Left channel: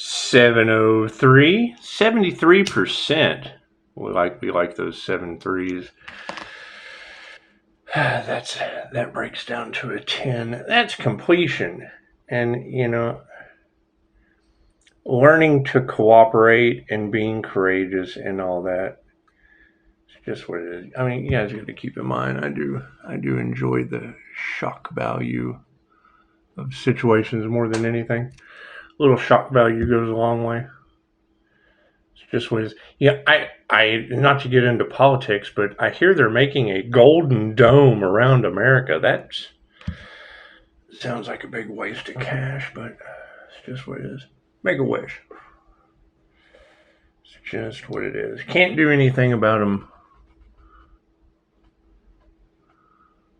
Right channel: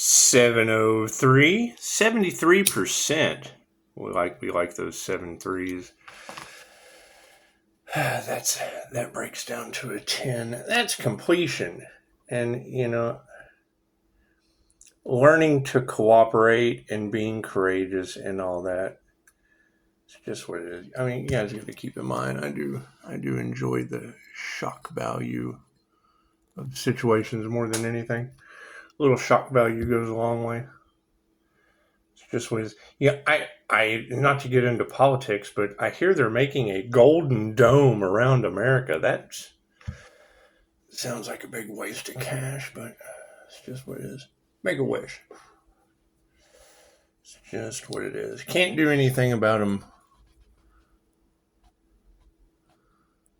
703, 73%. We like those 7 threes. That breaks down to a 10. That's completion. And, learning to cooperate and being courageous and all that. It's just what it is. I mean, you guys got to keep in mind, I do enjoy the shock value of situations more than anything. A little shock value goes a long way. It's just what it is. Yeah, I not to get into politics, but I hear they're making a golden dome around America. That sounds like a big waste of cash, but it's just what it is. Make a wish. It's just what it is. Can't do anything about them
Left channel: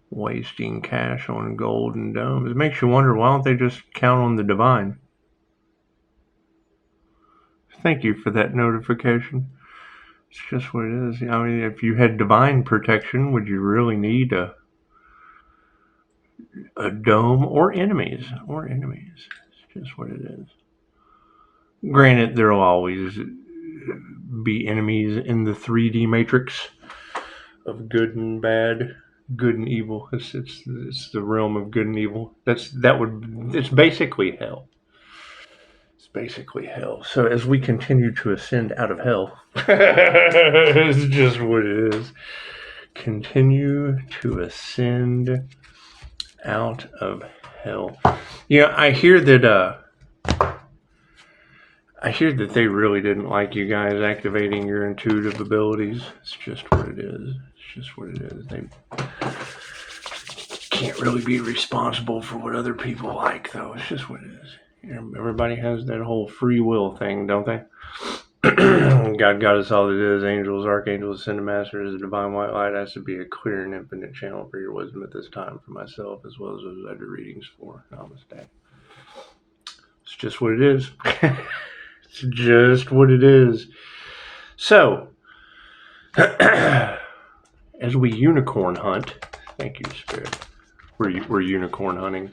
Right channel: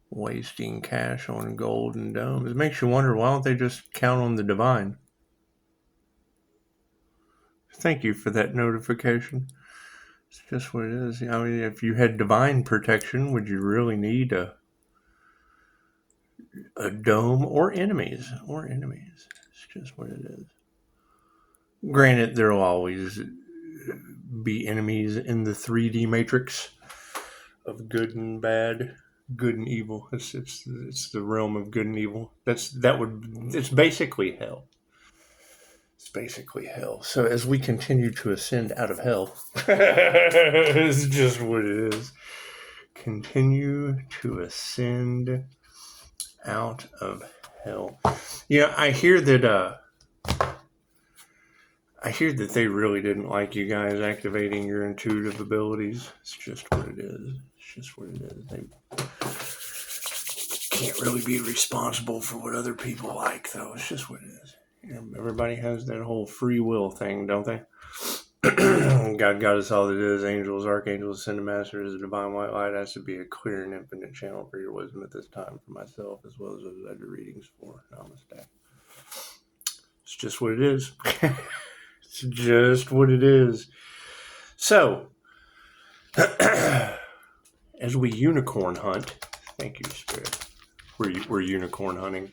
wasting cash on golden domes. It makes you wonder, why don't they just count on the divine? Thank you for that notification. It's just what it is. I mean, if you had divine protection, would you really need a dome or enemies? It's just what it is. Granted, there will always be enemies in the 3D matrix of good and bad, good and evil. It's the realm of good and evil. It's basically hell. It's basically hell. So as we continue to ascend out of hell, it's just what it is. Continue to ascend out of hell. I hear that they really didn't like you guys activating your intuitive abilities. It's just what it is. It's just what it is. They can't really be responsible for what other people like, though. It's just what it is. Everybody has that whole free will thing, don't they? God got us all that is. Angels, archangels, ascended masters, the divine white light has to be a clear and infinite channel for your wisdom at this time for myself, as well as those I do readings for. Namaste. It's just what it is. It's just what it is. So, as we unicorn hunt, thank you, Spirit. We're unicorn hunting.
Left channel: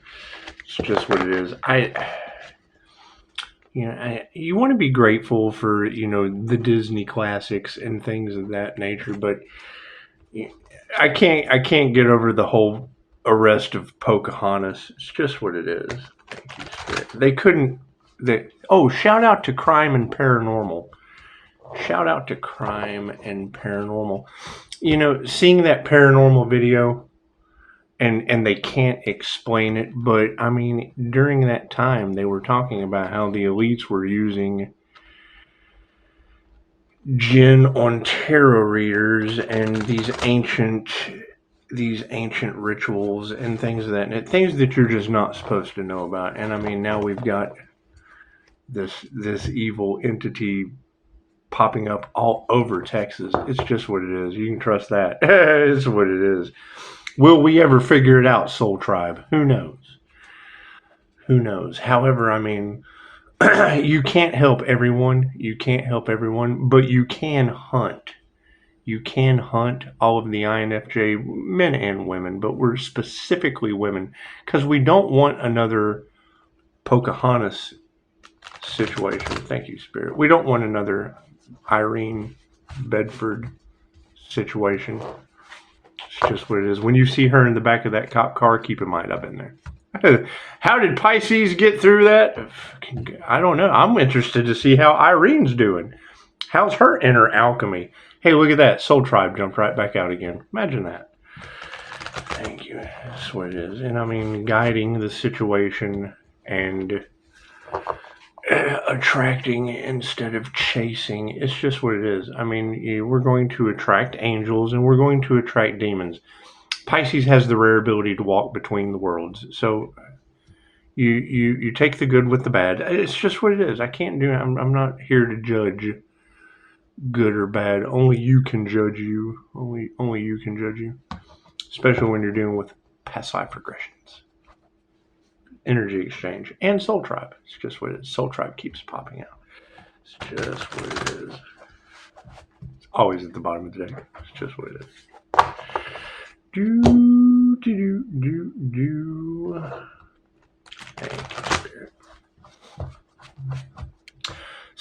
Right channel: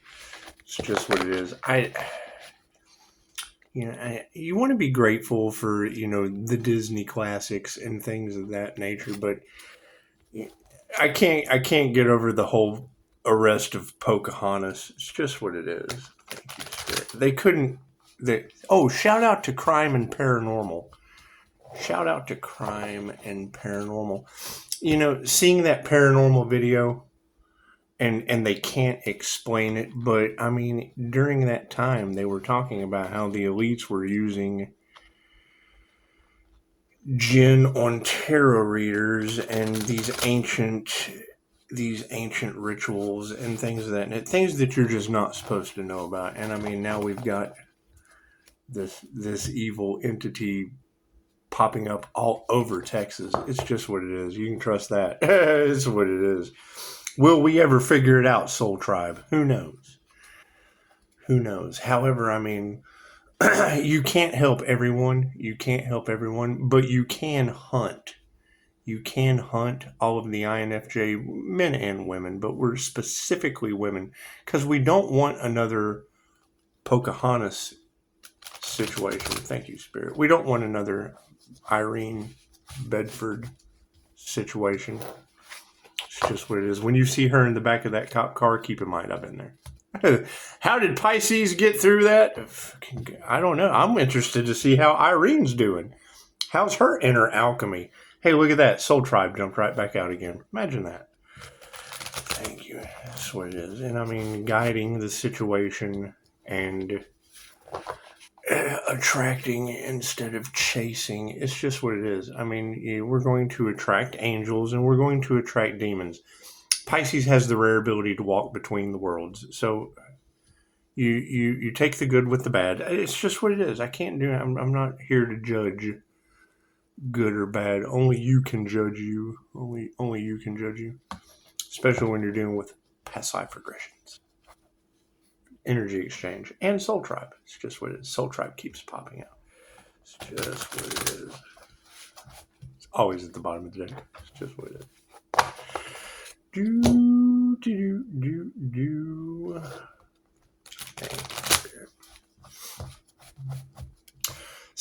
It's just what it is. You want to be grateful for, the Disney classics and things of that nature, but I can't get over the whole arrest of Pocahontas. It's just what it is. Thank you, Spirit. They couldn't. Shout out to crime and paranormal. Shout out to crime and paranormal. Seeing that paranormal video, and they can't explain it, but I mean, during that time, they were talking about how the elites were using jinn on tarot readers and these ancient rituals and things of that, and things that you're just not supposed to know about. And I mean, now we've got this evil entity popping up all over Texas. It's just what it is. You can trust that. It's what it is. Will we ever figure it out, Soul Tribe? Who knows? Who knows? However, I mean, you can't help everyone. But you can hunt. You can hunt all of the INFJ, men and women, but we're specifically women, because we don't want another Pocahontas situation. Thank you, Spirit. We don't want another Irene Bedford situation. It's just what it is. When you see her in the back of that cop car, keep in mind I've been there. How did Pisces get through that? I don't know. I'm interested to see how Irene's doing. How's her inner alchemy? Hey, look at that. Soul Tribe jumped right back out again. Imagine that. Thank you. That's what it is. And I mean, guiding the situation and attracting instead of chasing. It's just what it is. I mean, we're going to attract angels and we're going to attract demons. Pisces has the rare ability to walk between the worlds. So you take the good with the bad. It's just what it is. I can't do it. I'm not here to judge good or bad. Only you can judge you. Only you can judge you. Especially when you're dealing with past life regressions. Energy exchange and Soul Tribe. It's just what it is. Soul Tribe keeps popping out. It's just what it is. It's always at the bottom of the deck. It's just what it is. Thank you, Spirit.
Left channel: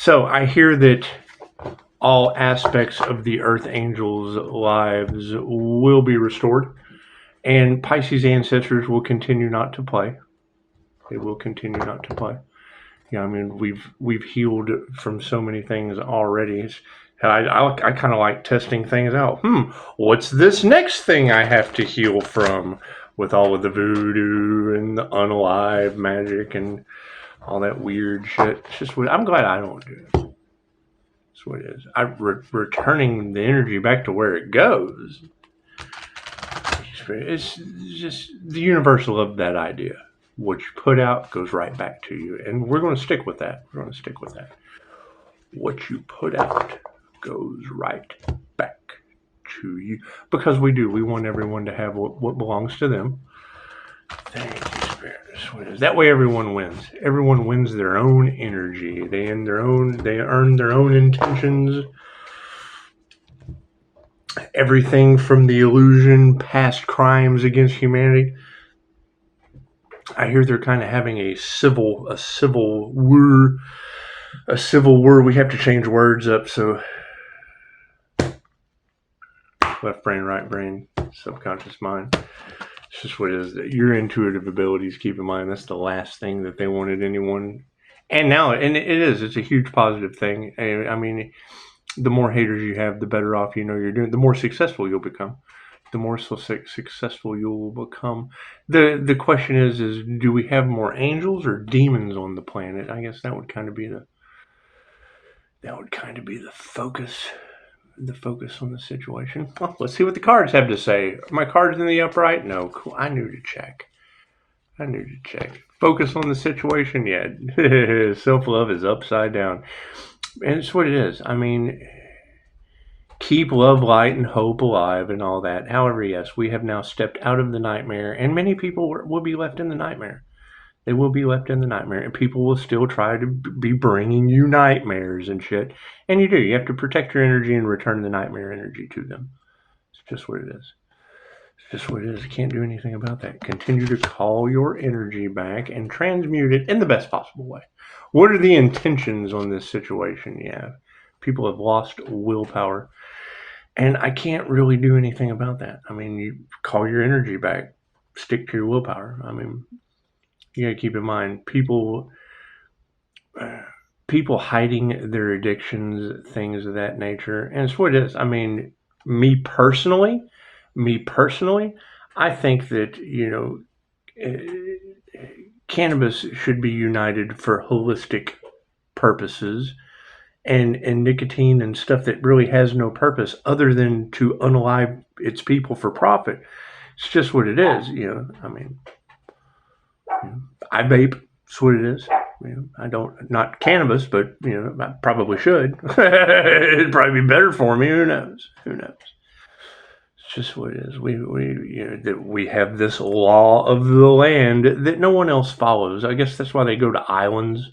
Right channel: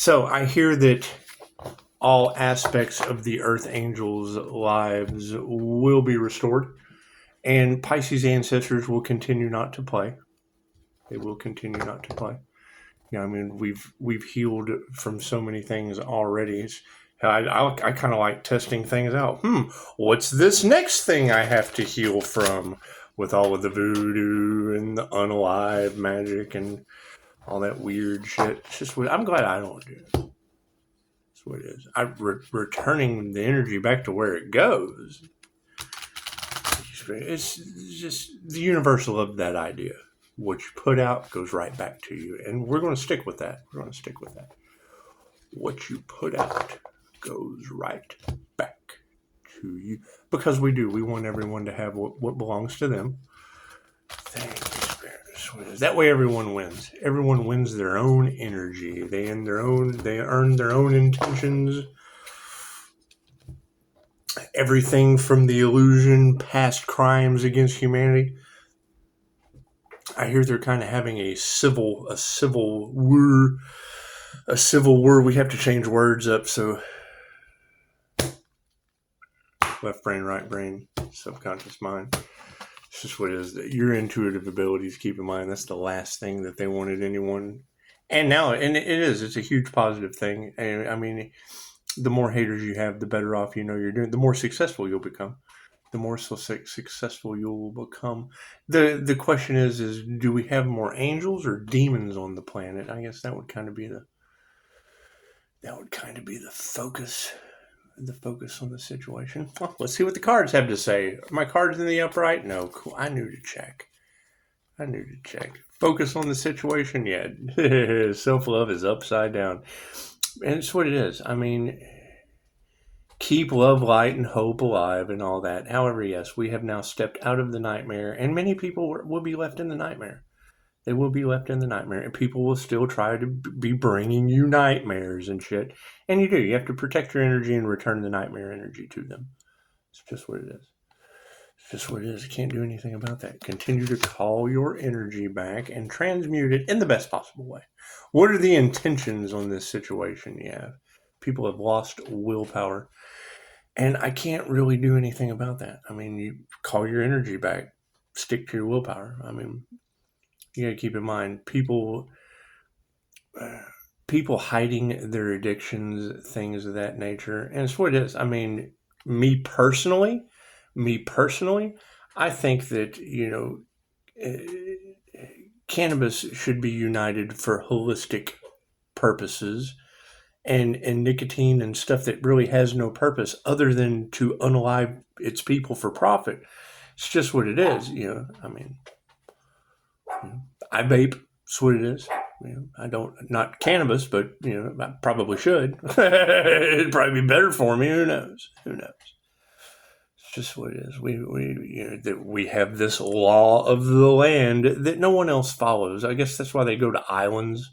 So I hear that all aspects of the Earth Angels' lives will be restored, and Pisces ancestors will continue not to play. They will continue not to play. You know, I mean, we've healed from so many things already. I kind of like testing things out. What's this next thing I have to heal from? With all of the voodoo and the unalive magic and all that weird shit. It's just what I'm glad I don't do it. That's what it is. Returning the energy back to where it goes. It's just the universe loved that idea. What you put out goes right back to you, and we're going to stick with that. We're going to stick with that. What you put out goes right back to you, because we do. We want everyone to have what belongs to them. Thank you, Spirit. That's what it is. That way, everyone wins. Everyone wins their own energy. They earn their own intentions. Everything from the illusion, past crimes against humanity. I hear they're kind of having a civil war. We have to change words up, so left brain, right brain, subconscious mind. It's just what it is. Your intuitive abilities, keep in mind, that's the last thing that they wanted anyone. And now, and it is. It's a huge positive thing. And I mean, the more haters you have, the better off you know you're doing. The more successful you'll become. The more successful you will become. The question is do we have more angels or demons on the planet? I guess that would kind of be the focus. The focus on the situation. Well, let's see what the cards have to say. Are my cards in the upright? No. Cool. I knew to check. Focus on the situation. Yeah. Self-love is upside down. And it's what it is. I mean, keep love, light, and hope alive and all that. However, yes, we have now stepped out of the nightmare, and many people will be left in the nightmare. They will be left in the nightmare, and people will still try to be bringing you nightmares and shit. And you do. You have to protect your energy and return the nightmare energy to them. It's just what it is. You can't do anything about that. Continue to call your energy back and transmute it in the best possible way. What are the intentions on this situation? Yeah, people have lost willpower, and I can't really do anything about that. I mean, you call your energy back, stick to your willpower. I mean, you gotta keep in mind, people hiding their addictions, things of that nature, and it's what it is. I mean, me personally, I think that, cannabis should be united for holistic purposes, and nicotine and stuff that really has no purpose other than to unalive its people for profit. It's just what it is, I mean, I vape. That's what it is. I don't, not cannabis, but I probably should. It'd probably be better for me. Who knows? It's just what it is. We have this law of the land that no one else follows. I guess that's why they go to islands.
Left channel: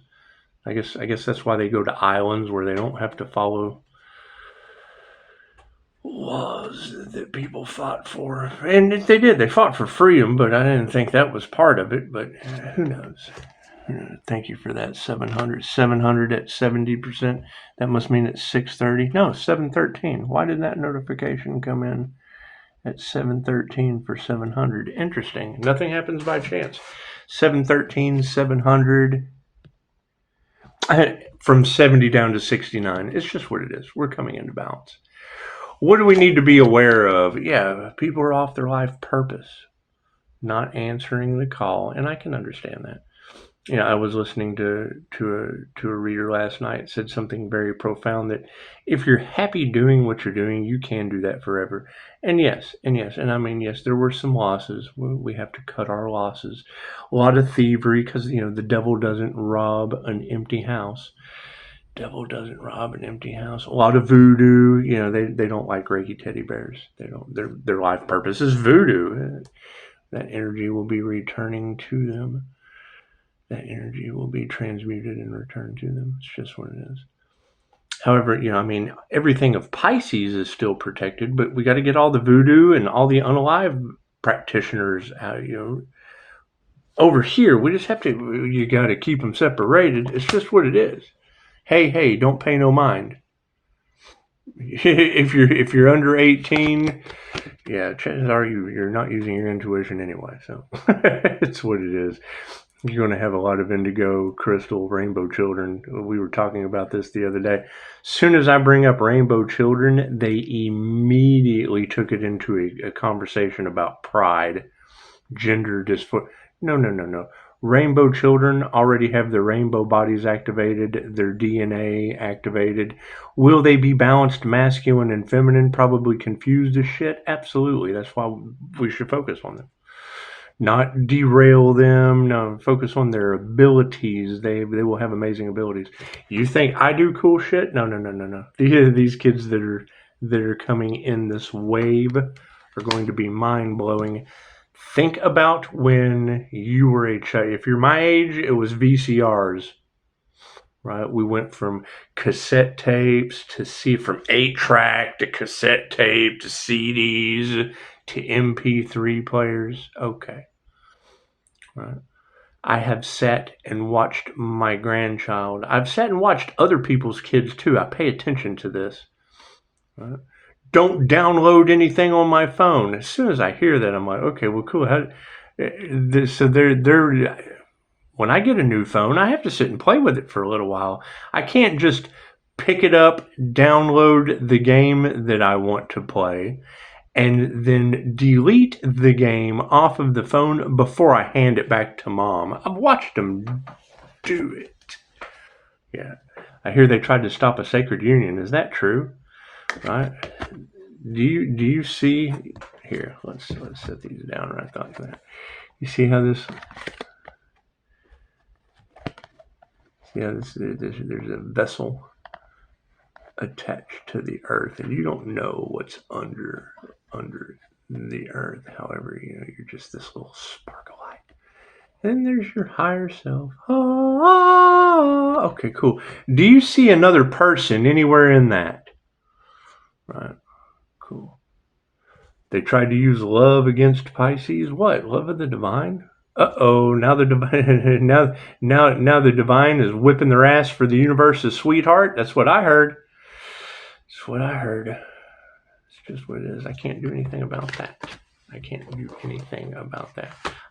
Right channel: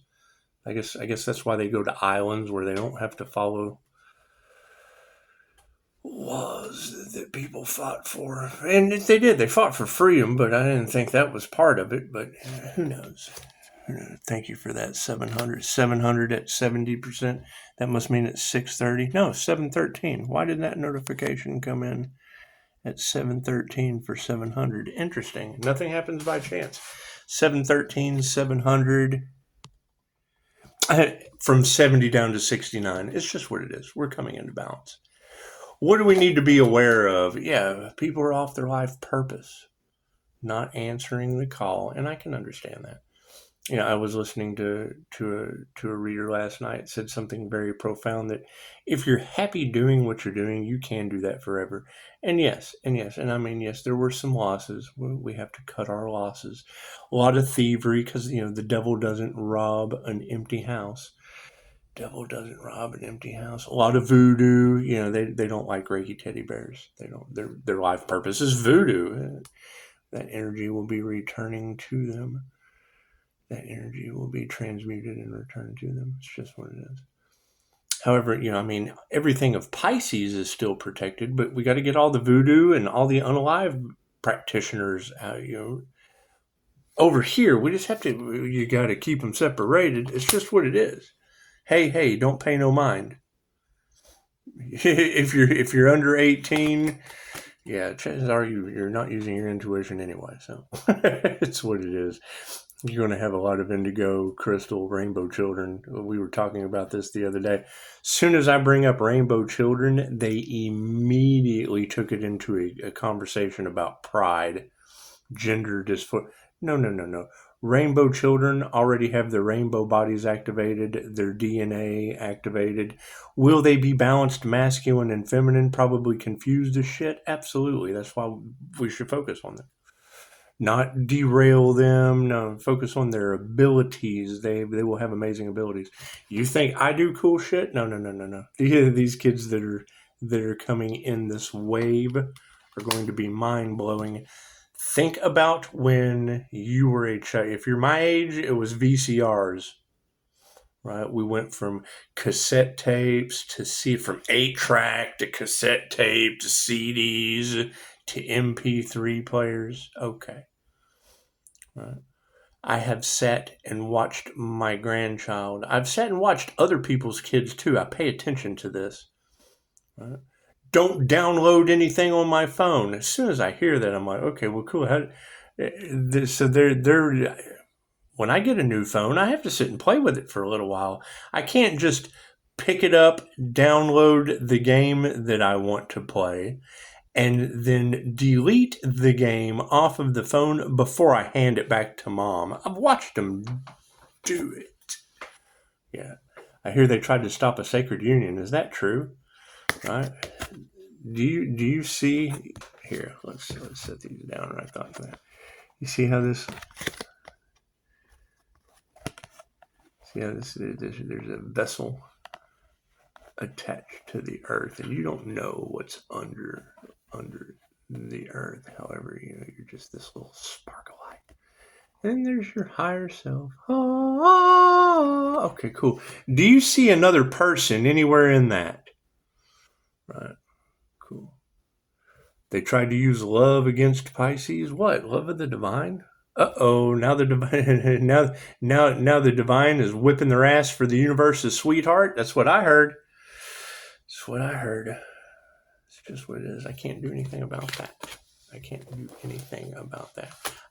I guess that's why they go to islands where they don't have to follow laws that people fought for. And they did. They fought for freedom, but I didn't think that was part of it. But who knows? Thank you for that. 700 at 70%. That must mean it's 6:30. No, 7:13. Why did that notification come in at 7:13 for 700? Interesting. Nothing happens by chance. 7:13, 700. From 70 down to 69. It's just what it is. We're coming into balance. What do we need to be aware of? Yeah, people are off their life purpose, not answering the call, and I can understand that. I was listening to a reader last night, said something very profound, that if you're happy doing what you're doing, you can do that forever. And yes, and I mean, yes, there were some losses. We have to cut our losses. A lot of thievery, because the devil doesn't rob an empty house. A lot of voodoo. They don't like Reiki teddy bears. They don't. Their life purpose is voodoo. That energy will be returning to them. That energy will be transmuted and returned to them. It's just what it is. However, everything of Pisces is still protected, but we got to get all the voodoo and all the unalive practitioners out. Over here, we just have to. You got to keep them separated. It's just what it is. hey, don't pay no mind. if you're under 18, yeah, chances are you're not using your intuition anyway. So it's what it is. You're going to have a lot of indigo, crystal, rainbow children. We were talking about this the other day. As soon as I bring up rainbow children, they immediately took it into a conversation about pride, gender dysphoria. No. Rainbow children already have their rainbow bodies activated, their DNA activated. Will they be balanced masculine and feminine? Probably confused as shit. Absolutely. That's why we should focus on them. Not derail them. No, focus on their abilities. They will have amazing abilities. You think I do cool shit? No. These kids that are coming in this wave are going to be mind blowing. Think about when you were a child. If you're my age, it was VCRs, right? We went from cassette tapes from 8-track to cassette tape to CDs to MP3 players. Okay. Right. I have sat and watched my grandchild. I've sat and watched other people's kids too. I pay attention to this. Right. Don't download anything on my phone. As soon as I hear that, I'm like, okay, well, cool. So they're when I get a new phone, I have to sit and play with it for a little while. I can't just pick it up, download the game that I want to play, and then delete the game off of the phone before I hand it back to mom. I've watched them do it. Yeah. I hear they tried to stop a sacred union. Is that true? Right? Do you see here? Let's set these down right there. You see how this? See how this? There's a vessel attached to the earth, and you don't know what's under the earth. However, you're just this little spark of light. And there's your higher self. Okay, cool. Do you see another person anywhere in that? Right. Cool. They tried to use love against Pisces. What? Love of the divine? Uh-oh, now the divine now the divine is whipping their ass for the universe's sweetheart. That's what I heard. That's what I heard. It's just what it is. I can't do anything about that.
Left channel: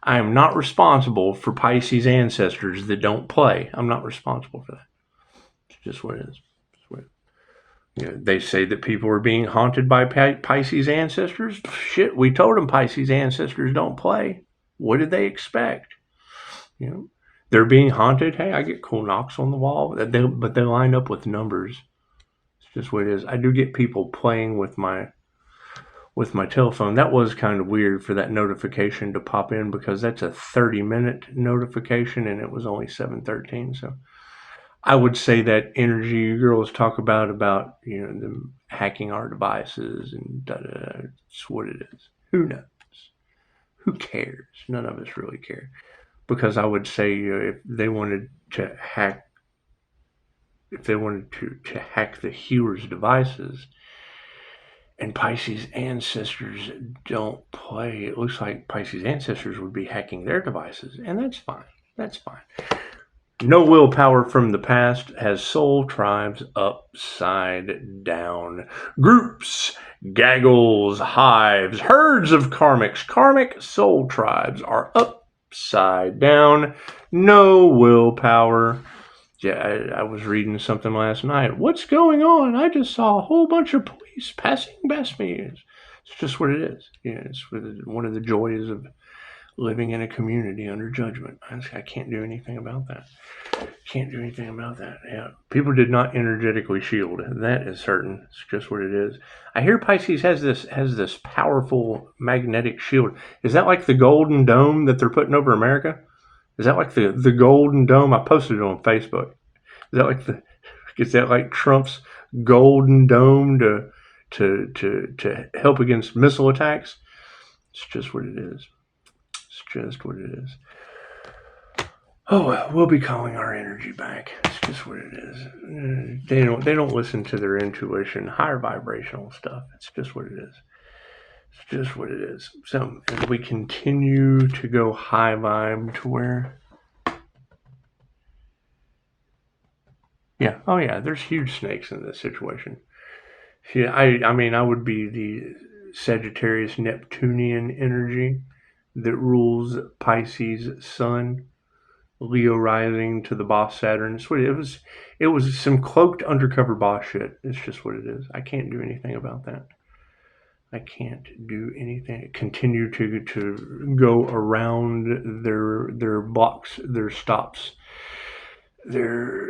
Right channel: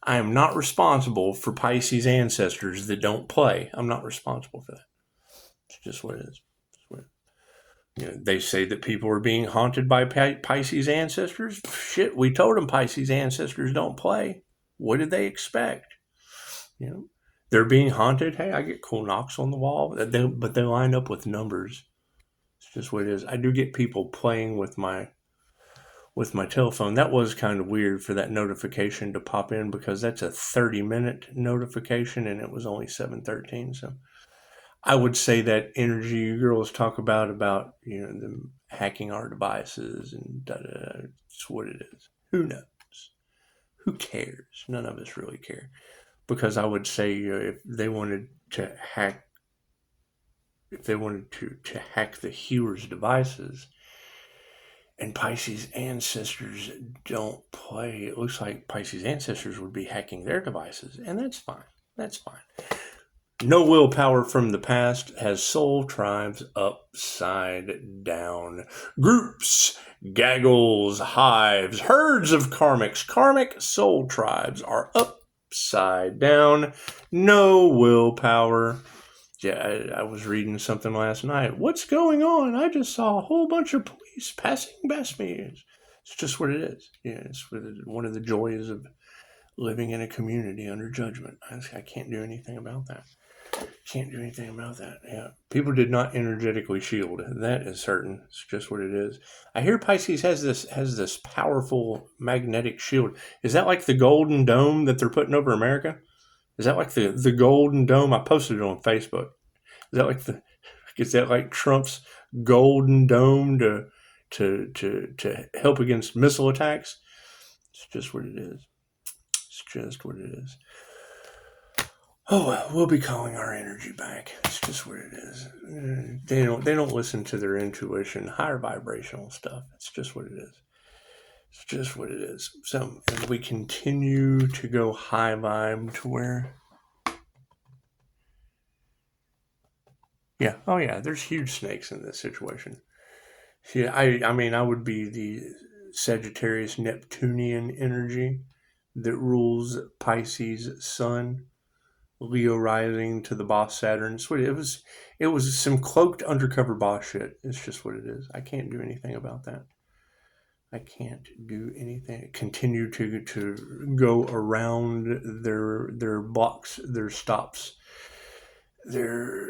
I am not responsible for Pisces ancestors that don't play. I'm not responsible for that. It's just what it is. They say that people are being haunted by Pisces ancestors. Shit, we told them Pisces ancestors don't play. What did they expect? They're being haunted. Hey, I get cool knocks on the wall, but they line up with numbers. It's just what it is. I do get people playing with my telephone. That was kind of weird for that notification to pop in because that's a 30-minute notification and it was only 7:13. So I would say that energy you girls talk about them hacking our devices and it's what it is. Who knows? Who cares? None of us really care. Because I would say if they wanted to hack the healer's devices and Pisces ancestors don't play, it looks like Pisces ancestors would be hacking their devices, and that's fine. That's fine. No willpower from the past has soul tribes upside down. Groups, gaggles, hives, herds of karmics. Karmic soul tribes are upside down. No willpower. Yeah, I was reading something last night. What's going on? I just saw a whole bunch of police passing past me. It's just what it is. Yeah, it's one of the joys of living in a community under judgment. I can't do anything about that. Yeah, people did not energetically shield. That is certain. It's just what it is. I hear Pisces has this powerful magnetic shield. Is that like the golden dome that they're putting over America? Is that like the golden dome? I posted it on Facebook. Is that like Trump's golden dome to help against missile attacks? It's just what it is. Oh, we'll be calling our energy back. It's just what it is. They don't listen to their intuition, higher vibrational stuff. It's just what it is. So as we continue to go high vibe to where Yeah. Oh, yeah. There's huge snakes in this situation. See, I mean, I would be the Sagittarius Neptunian energy that rules Pisces Sun, Leo rising to the boss Saturn. It's what it was. It was some cloaked undercover boss shit. It's just what it is. I can't do anything about that. I can't do anything. Continue to go around their blocks, their stops, their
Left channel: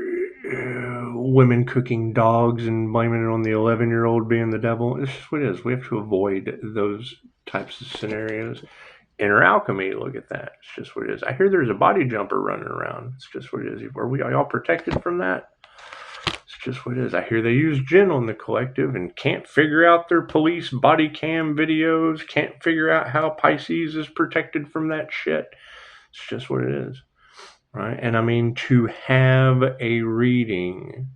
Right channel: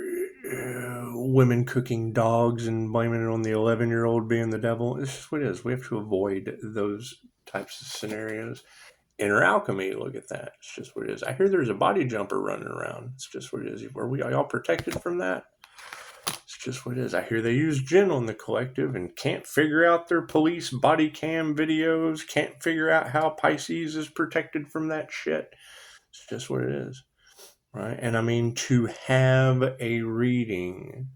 women cooking dogs and blaming it on the 11-year-old being the devil. It's just what it is. We have to avoid those types of scenarios. Inner alchemy, look at that. It's just what it is. I hear there's a body jumper running around. It's just what it is. Are y'all protected from that? It's just what it is. I hear they use gin on the collective and can't figure out their police body cam videos, can't figure out how Pisces is protected from that shit. It's just what it is. Right? And I mean, to have a reading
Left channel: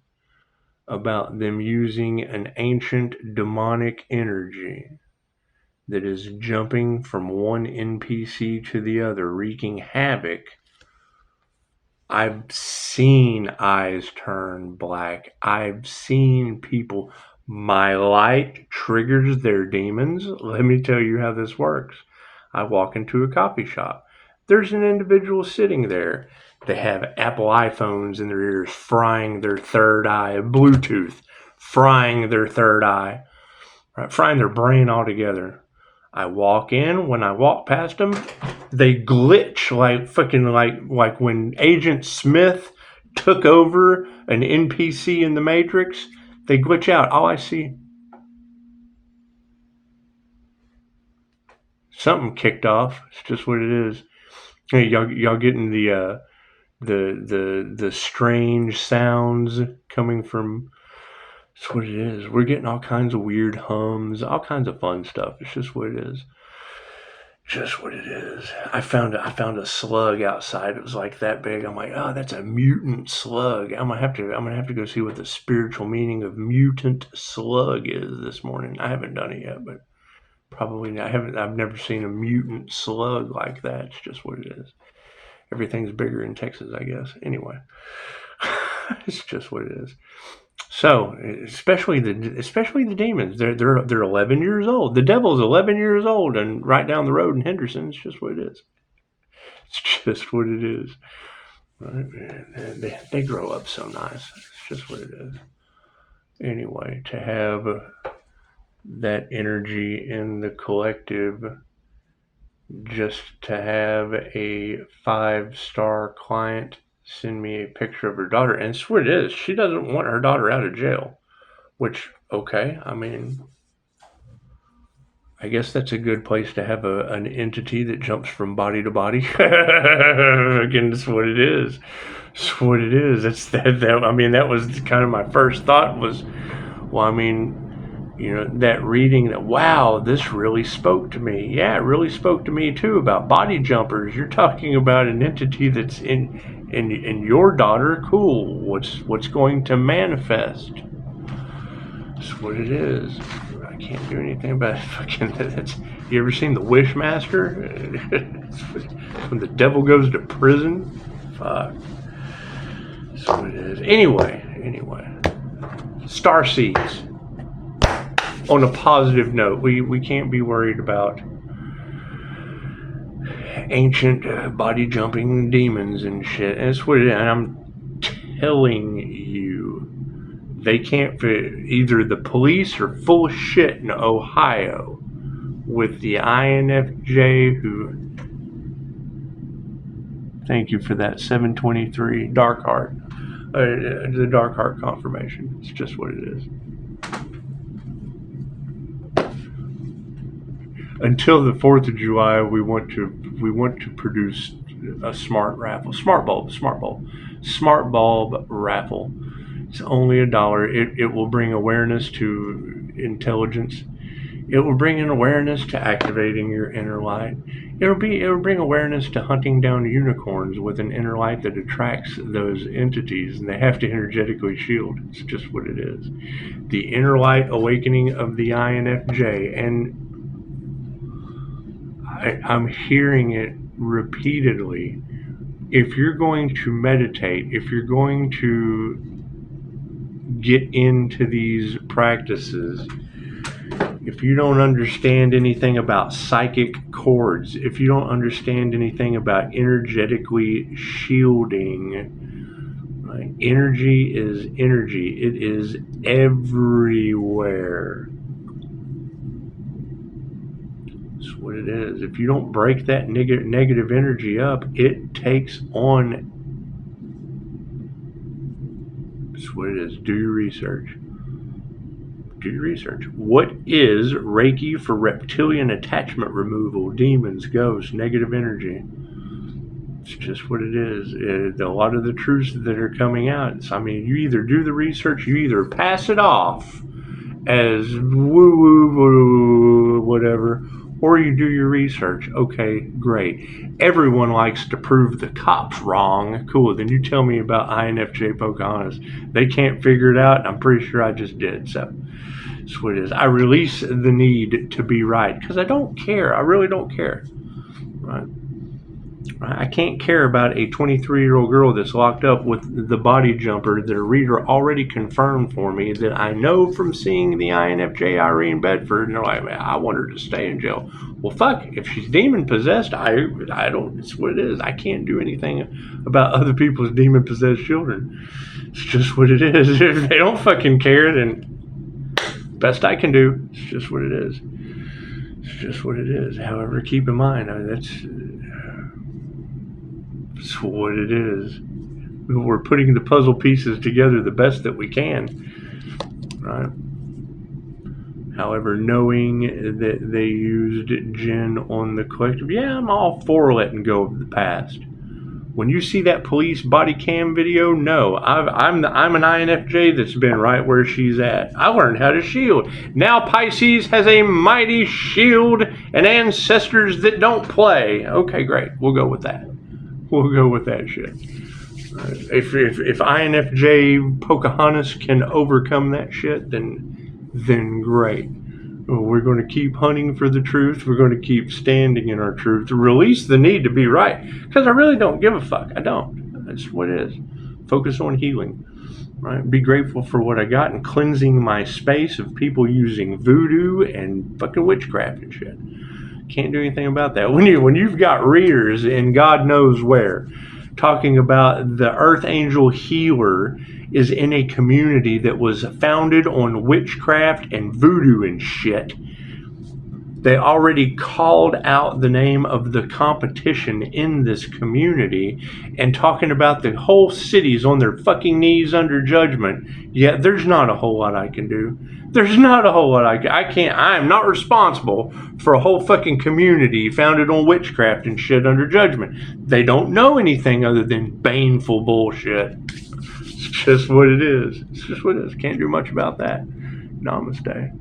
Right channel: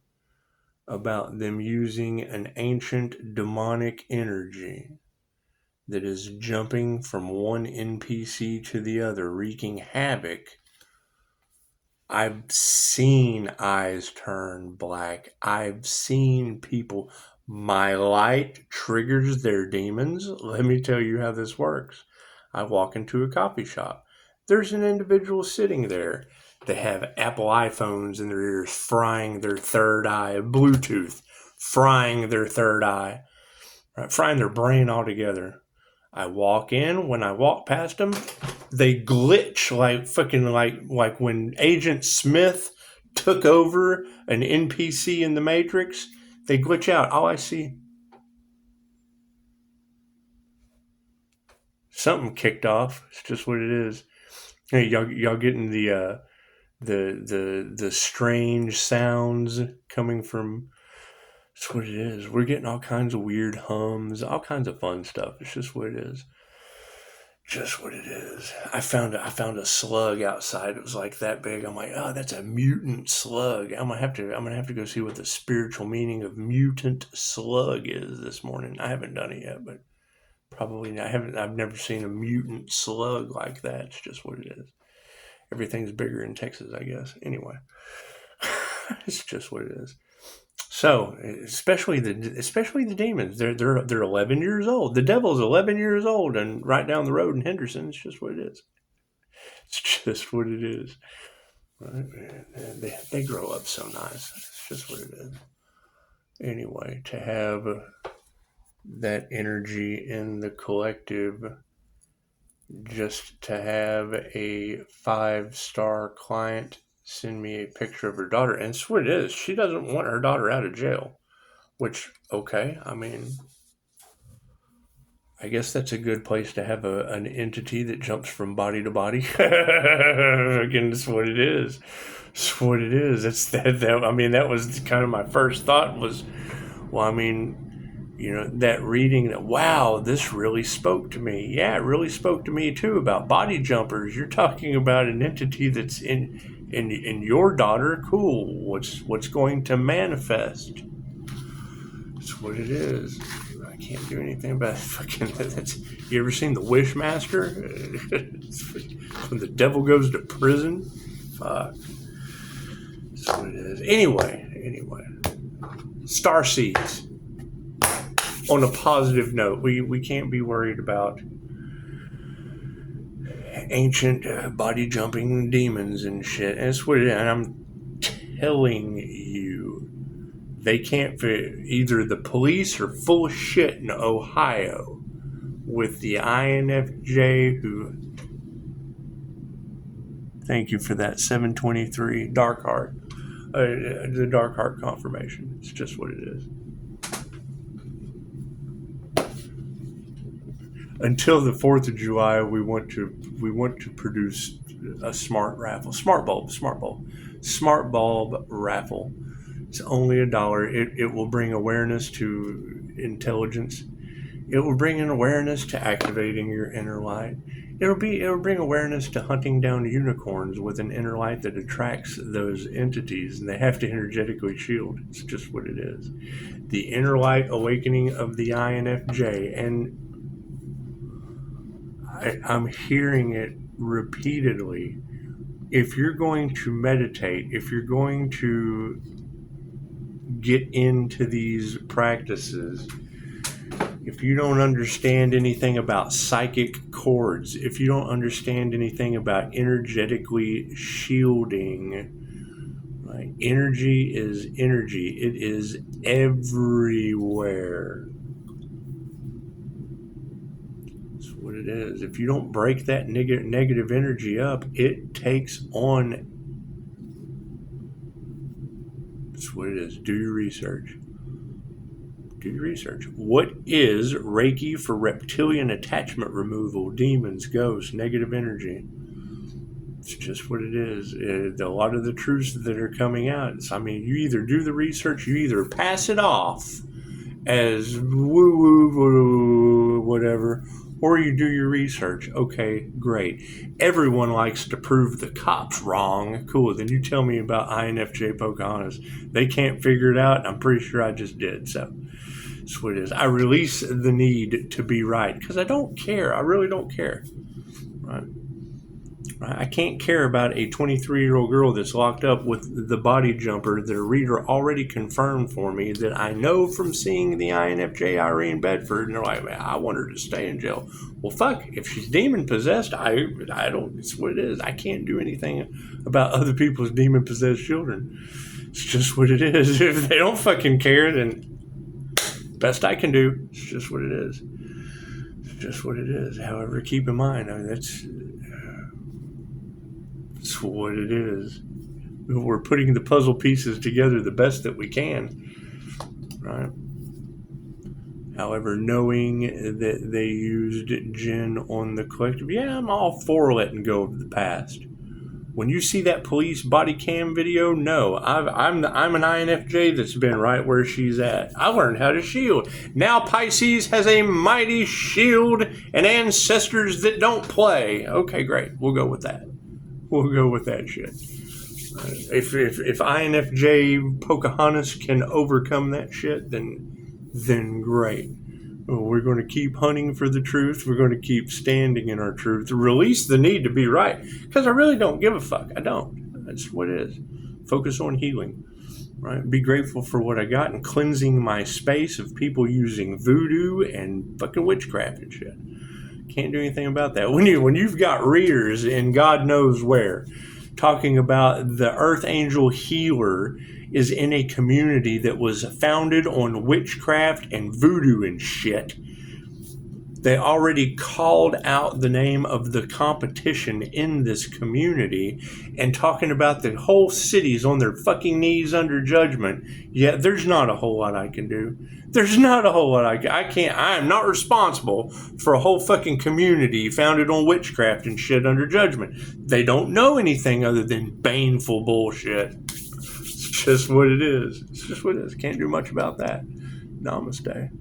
about them using an ancient demonic energy that is jumping from one NPC to the other, wreaking havoc. I've seen eyes turn black. I've seen people. My light triggers their demons. Let me tell you how this works. I walk into a coffee shop. There's an individual sitting there. They have Apple iPhones in their ears, frying their third eye, Bluetooth, frying their third eye, right? Frying their brain altogether. I walk in. When I walk past them, they glitch like fucking like when Agent Smith took over an NPC in the Matrix. They glitch out. All I see, something kicked off. It's just what it is. Hey, y'all getting the strange sounds coming from. It's what it is. We're getting all kinds of weird hums, all kinds of fun stuff. It's just what it is. Just what it is. I found a slug outside. It was like that big. I'm like, oh, that's a mutant slug. I'm gonna have to go see what the spiritual meaning of mutant slug is this morning. I haven't done it yet, but probably I've never seen a mutant slug like that. It's just what it is. Everything's bigger in Texas, I guess. Anyway, it's just what it is. So, especially the demons, they're 11 years old. The devil's 11 years old, and right down the road in Henderson, it's just what it is. It's just what it is. Right? They grow up so nice. It's just what it is. Anyway, to have that energy in the collective, just to have a 5-star client send me a picture of her daughter, and it's what it is. She doesn't want her daughter out of jail, which, okay, I mean, I guess that's a good place to have an entity that jumps from body to body. Again, that's what it is. It's what it is. It's that. I mean, that was kind of my first thought was, well, I mean, you know, that reading that, wow, this really spoke to me. Yeah, it really spoke to me too about body jumpers. You're talking about an entity that's in your daughter. Cool. What's going to manifest? That's what it is. I can't do anything about it. Fucking that's. You ever seen The Wishmaster? When the devil goes to prison. Fuck. That's what it is. Anyway. Starseeds. On a positive note, we can't be worried about ancient body jumping demons and shit. And it's what it is. And I'm telling you, they can't fit. Either the police are full of shit in Ohio with the INFJ who. Thank you for that 723 Dark Heart. The Dark Heart confirmation. It's just what it is. Until the 4th of July, we want to produce a smart bulb raffle. It's only $1. It will bring awareness to intelligence. It will bring an awareness to activating your inner light. It will bring awareness to hunting down unicorns with an inner light that attracts those entities, and they have to energetically shield. It's just what it is. The inner light awakening of the INFJ, and I'm hearing it repeatedly. If you're going to meditate, if you're going to get into these practices, if you don't understand anything about psychic cords, if you don't understand anything about energetically shielding, right? Energy is energy. It is everywhere. That's what it is. If you don't break that negative energy up, it takes on. That's what it is. Do your research. Do your research. What is Reiki for reptilian attachment removal, demons, ghosts, negative energy? It's just what it is. A lot of the truths that are coming out, I mean, you either do the research, you either pass it off as woo-woo, whatever, or you do your research. Okay, great. Everyone likes to prove the cops wrong. Cool, then you tell me about INFJ Pocahontas. They can't figure it out. I'm pretty sure I just did, so. That's what it is. I release the need to be right because I don't care. I really don't care. Right? I can't care about a 23-year-old girl that's locked up with the body jumper that a reader already confirmed for me that I know from seeing the INFJ Irene Bedford, and they're like, I want her to stay in jail. Well, fuck. If she's demon possessed, I don't. It's what it is. I can't do anything about other people's demon possessed children. It's just what it is. If they don't fucking care, then. Best I can do. It's just what it is. It's just what it is. However, keep in mind, that's what it is. We're putting the puzzle pieces together the best that we can, right? However, knowing that they used Jinn on the collective, yeah, I'm all for letting go of the past. When you see that police body cam video, no, I'm an INFJ that's been right where she's at. I learned how to shield. Now Pisces has a mighty shield and ancestors that don't play. Okay, great. We'll go with that. We'll go with that shit. If INFJ Pocahontas can overcome that shit, then great. We're going to keep hunting for the truth. We're going to keep standing in our truth. Release the need to be right. Because I really don't give a fuck. I don't. That's what it is. Focus on healing. Right? Be grateful for what I got and cleansing my space of people using voodoo and fucking witchcraft and shit. Can't do anything about that. When you've got readers in God knows where talking about the Earth Angel healer is in a community that was founded on witchcraft and voodoo and shit. They already called out the name of the competition in this community and talking about the whole city's on their fucking knees under judgment. Yeah, there's not a whole lot I can do. There's not a whole lot I can't. I am not responsible for a whole fucking community founded on witchcraft and shit under judgment. They don't know anything other than baneful bullshit. It's just what it is. It's just what it is. Can't do much about that. Namaste.